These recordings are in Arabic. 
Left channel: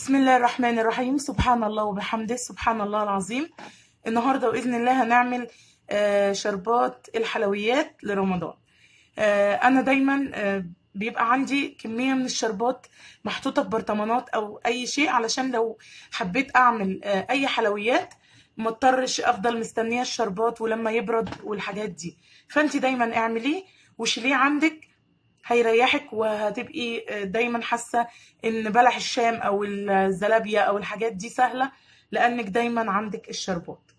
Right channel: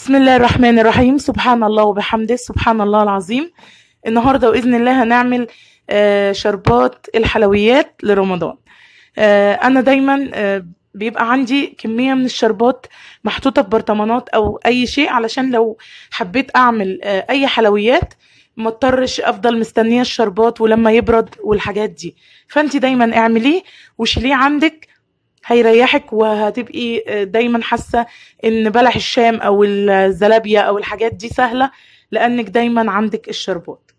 بسم الله الرحمن الرحيم. سبحان الله وبحمده، سبحان الله العظيم. النهاردة بإذن الله هنعمل شربات الحلويات لرمضان. أنا دايما بيبقى عندي كمية من الشربات محطوطة في برطمانات أو أي شيء، علشان لو حبيت أعمل أي حلويات ما اضطرش أفضل مستنية الشربات ولما يبرد والحاجات دي. فأنت دايما اعمليه وشيليه عندك، هيريحك وهتبقي دايما حاسة ان بلح الشام او الزلابية او الحاجات دي سهلة، لانك دايما عندك الشربات.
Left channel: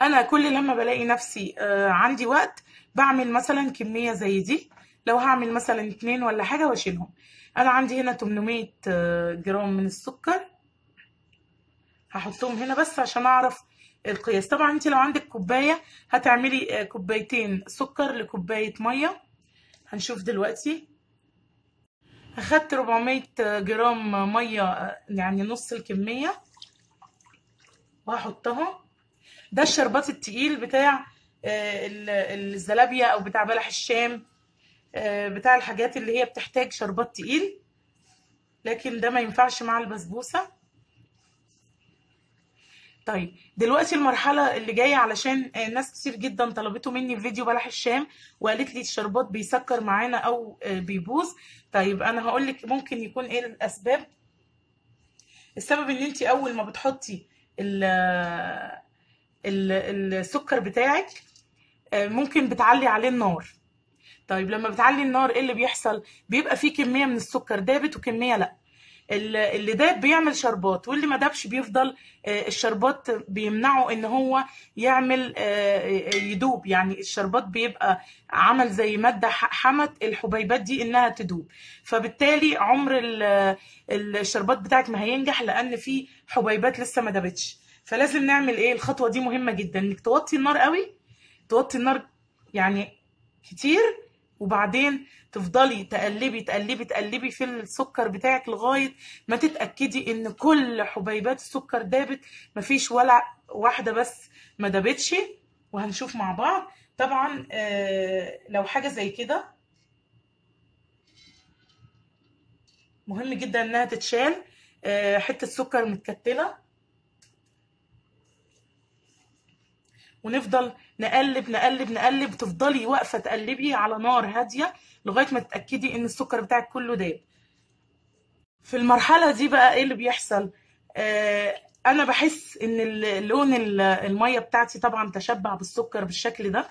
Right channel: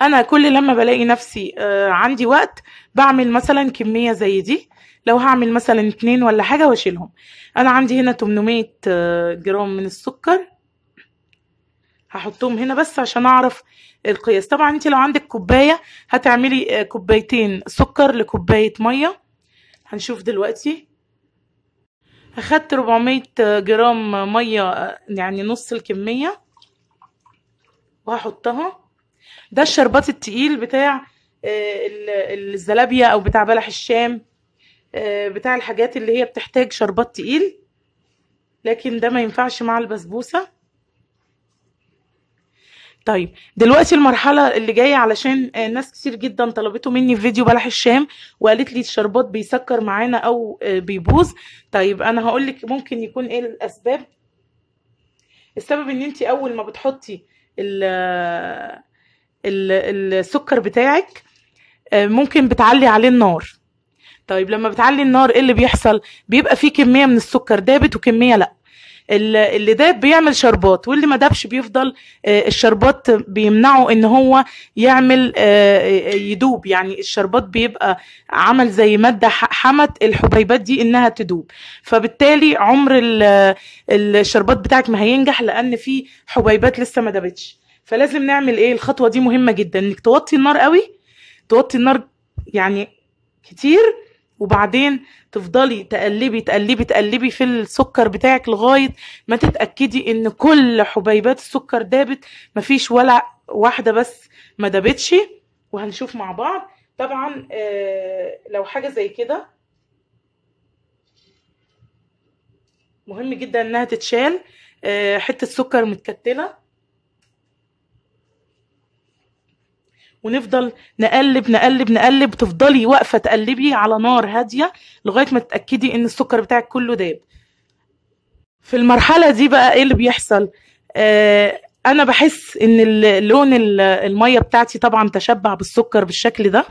انا كل لما بلاقي نفسي عندي وقت بعمل مثلا كمية زي دي، لو هعمل مثلا 2 ولا حاجة واشيلهم. انا عندي هنا 800 جرام من السكر، هحطهم هنا بس عشان اعرف القياس. طبعا انت لو عندك كوباية هتعملي كوبايتين سكر لكوباية مية. هنشوف دلوقتي. اخدت 400 جرام ميه، يعني نص الكميه، وهحطها. ده الشربات التقيل بتاع الزلابيه او بتاع بلح الشام، بتاع الحاجات اللي هي بتحتاج شربات تقيل، لكن ده ما ينفعش مع البسبوسه. طيب دلوقتي المرحلة اللي جاية، علشان ناس كتير جدا طلبته مني في فيديو بلح الشام وقالت لي الشربات بيسكر معانا او بيبوظ. طيب انا هقولك ممكن يكون ايه الاسباب. السبب ان انت اول ما بتحطي السكر بتاعك ممكن بتعلي عليه النار. طيب لما بتعلي النار ايه اللي بيحصل؟ بيبقى فيه كمية من السكر دابت وكمية لا. اللي داب بيعمل شربات، واللي ما دابش بيفضل الشربات بيمنعه ان هو يعمل يدوب. يعني الشربات بيبقى عمل زي مادة حمت الحبيبات دي انها تدوب، فبالتالي عمر الشربات بتاعك ما هينجح، لان في حبيبات لسه ما دابتش. فلازم نعمل ايه؟ الخطوة دي مهمة جدا، انك توطي النار قوي، توطي النار يعني كتير، وبعدين تفضلي تقلبي تقلبي تقلبي في السكر بتاعك لغاية ما تتأكدي ان كل حبيبات السكر دابت، مفيش ولا واحدة بس ما دابتش. وهنشوف مع بعض. طبعا لو حاجة زي كده مهم جدا انها تتشال. حتة سكر متكتلة، ونفضل نقلب نقلب نقلب، تفضلي واقفة تقلبي على نار هادية لغاية ما تتأكدي ان السكر بتاعك كله داب. في المرحلة دي بقى ايه اللي بيحصل؟ انا بحس ان لون المية بتاعتي طبعا تشبع بالسكر بالشكل ده،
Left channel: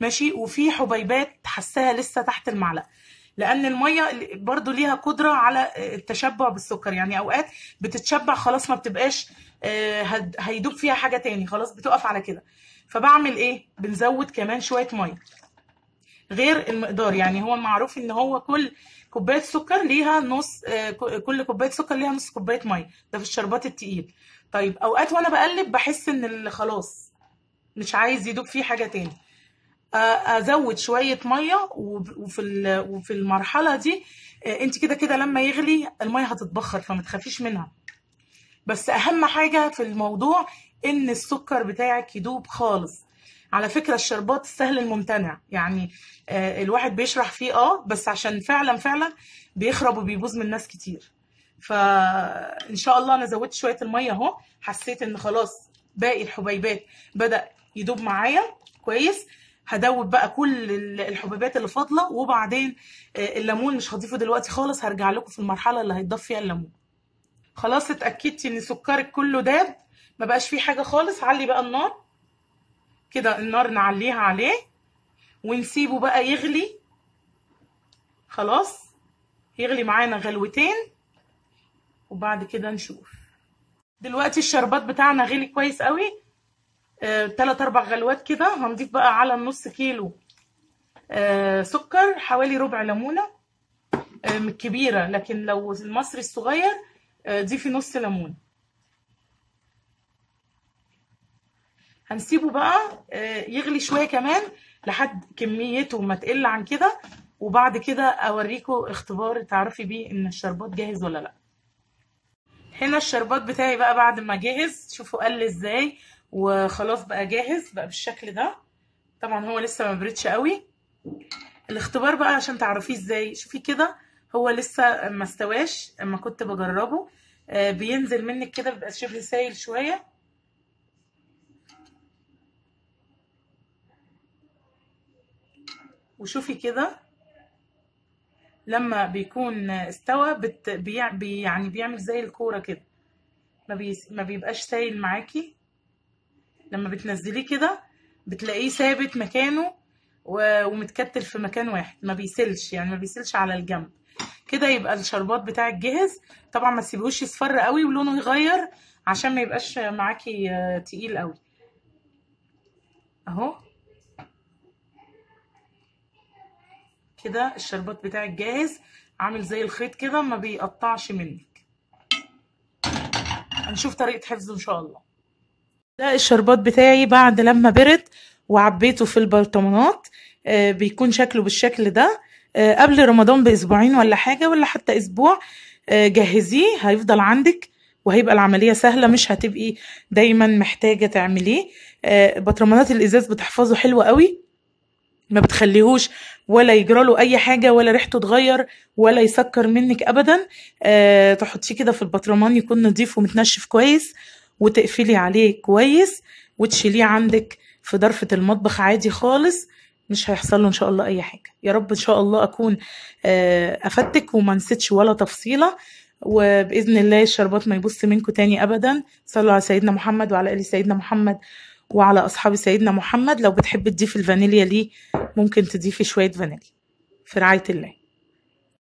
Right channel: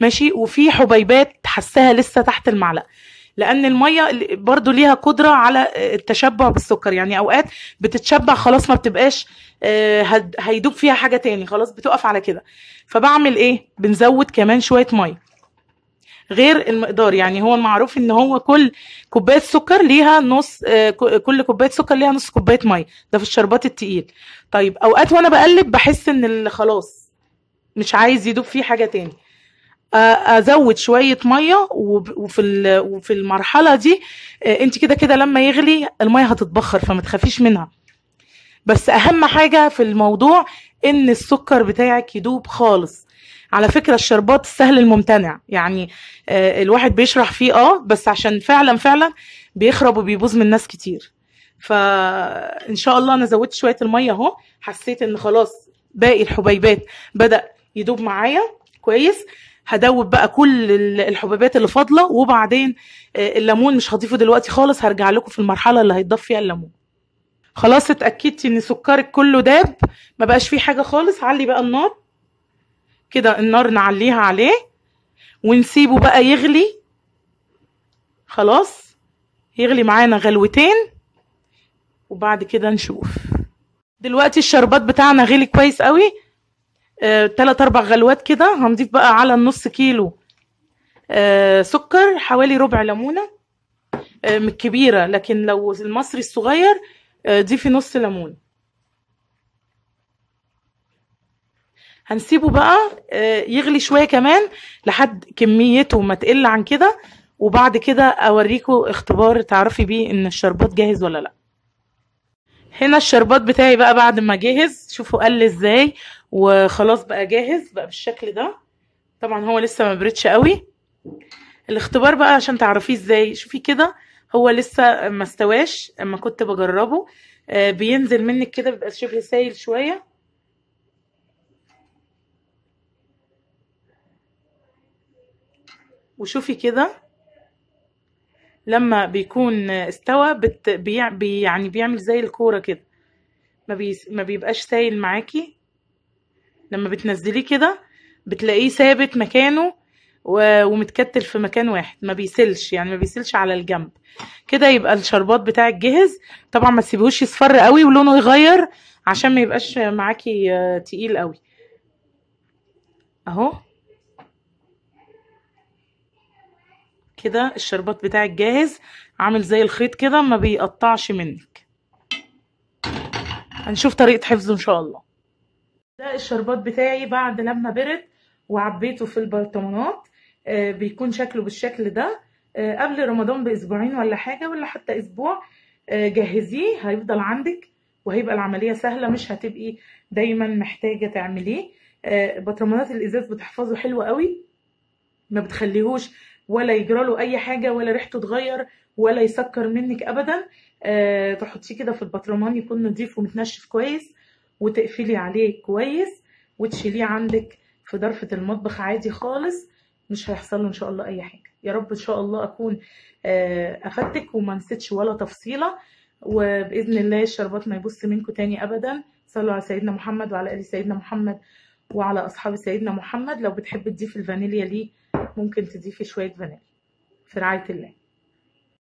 ماشي، وفي حبيبات حساها لسه تحت المعلقة، لان المية برضو ليها قدرة على التشبع بالسكر. يعني اوقات بتتشبع خلاص، ما بتبقاش هيدوب فيها حاجة تاني، خلاص بتقف على كده. فبعمل ايه؟ بنزود كمان شوية مية غير المقدار. يعني هو المعروف ان هو كل كوبايه سكر ليها نص، كل كوبايه سكر ليها نص كوبايه ميه، ده في الشربات التقيل. طيب اوقات وانا بقلب بحس ان خلاص مش عايز يدوب فيه حاجه تاني، ازود شويه ميه. وفي المرحله دي انت كده كده لما يغلي الميه هتتبخر، فما تخافيش منها. بس اهم حاجه في الموضوع ان السكر بتاعك يدوب خالص. على فكرة الشربات السهل الممتنع، يعني الواحد بيشرح فيه بس عشان فعلا فعلا بيخرب وبيبوظ من ناس كتير. فإن شاء الله أنا زودت شوية المية اهو، حسيت إن خلاص باقي الحبيبات بدأ يدوب معايا كويس. هدوب بقى كل الحبيبات اللي فاضلة، وبعدين الليمون مش هضيفه دلوقتي خالص، هرجع لكم في المرحلة اللي هيتضاف فيها الليمون. خلاص اتأكدتي إن سكرك كله داب، ما بقاش فيه حاجة خالص، علي بقى النار كده، النار نعليها عليه ونسيبه بقى يغلي. خلاص يغلي معانا غلوتين وبعد كده نشوف. دلوقتي الشربات بتاعنا غلي كويس قوي، 3-4 غلوات كده. هنضيف بقى على النص كيلو سكر حوالي ربع ليمونة من الكبيرة، لكن لو المصري الصغير ضيفي نص ليمون. هنسيبه بقى يغلي شوية كمان لحد كميته ما تقل عن كده، وبعد كده اوريكم اختبار تعرفي بيه ان الشربات جاهز ولا لا. هنا الشربات بتاعي بقى بعد ما جاهز، شوفوا قل ازاي، وخلاص بقى جاهز بقى بالشكل ده. طبعا هو لسه ما بردش قوي. الاختبار بقى عشان تعرفيه ازاي، شوفي كده هو لسه ما استواش، اما كنت بجربه بينزل منك كده، بيبقى شبه سايل شويه. وشوفي كده لما بيكون استوى يعني بيعمل زي الكوره كده، ما بيبقاش سايل معاكي. لما بتنزليه كده بتلاقيه ثابت مكانه ومتكتل في مكان واحد، ما بيسيلش، يعني ما بيسيلش على الجنب كده. يبقى الشربات بتاعك جاهز. طبعا ما تسيبهوش يصفر قوي ولونه يغير عشان ما يبقاش معاكي تقيل قوي. اهو كده الشربات بتاعك جاهز، عامل زي الخيط كده، ما بيقطعش منك. هنشوف طريقة حفظه ان شاء الله. ده الشربات بتاعي بعد لما برد وعبيته في البرطمانات، بيكون شكله بالشكل ده. قبل رمضان باسبوعين ولا حاجة، ولا حتى اسبوع، جهزيه هيفضل عندك، وهيبقى العملية سهلة، مش هتبقي دايما محتاجة تعمليه. برطمانات الازاز بتحفظه حلو قوي، ما بتخليهوش ولا يجراله اي حاجة، ولا ريحته تغير، ولا يسكر منك ابدا. تحطيه كده في البطرمان يكون نظيف ومتنشف كويس، وتقفلي عليه كويس، وتشيليه عندك في ظرفة المطبخ عادي خالص، مش هيحصل له ان شاء الله اي حاجة. يا رب ان شاء الله اكون افدتك وما نسيتش ولا تفصيلة، وباذن الله الشربات ما يبص منكم تاني ابدا. صلوا على سيدنا محمد وعلى ال سيدنا محمد وعلى اصحاب سيدنا محمد. لو بتحب تضيفي الفانيليا ليه، ممكن تضيفي شوية فانيليا. في رعاية الله.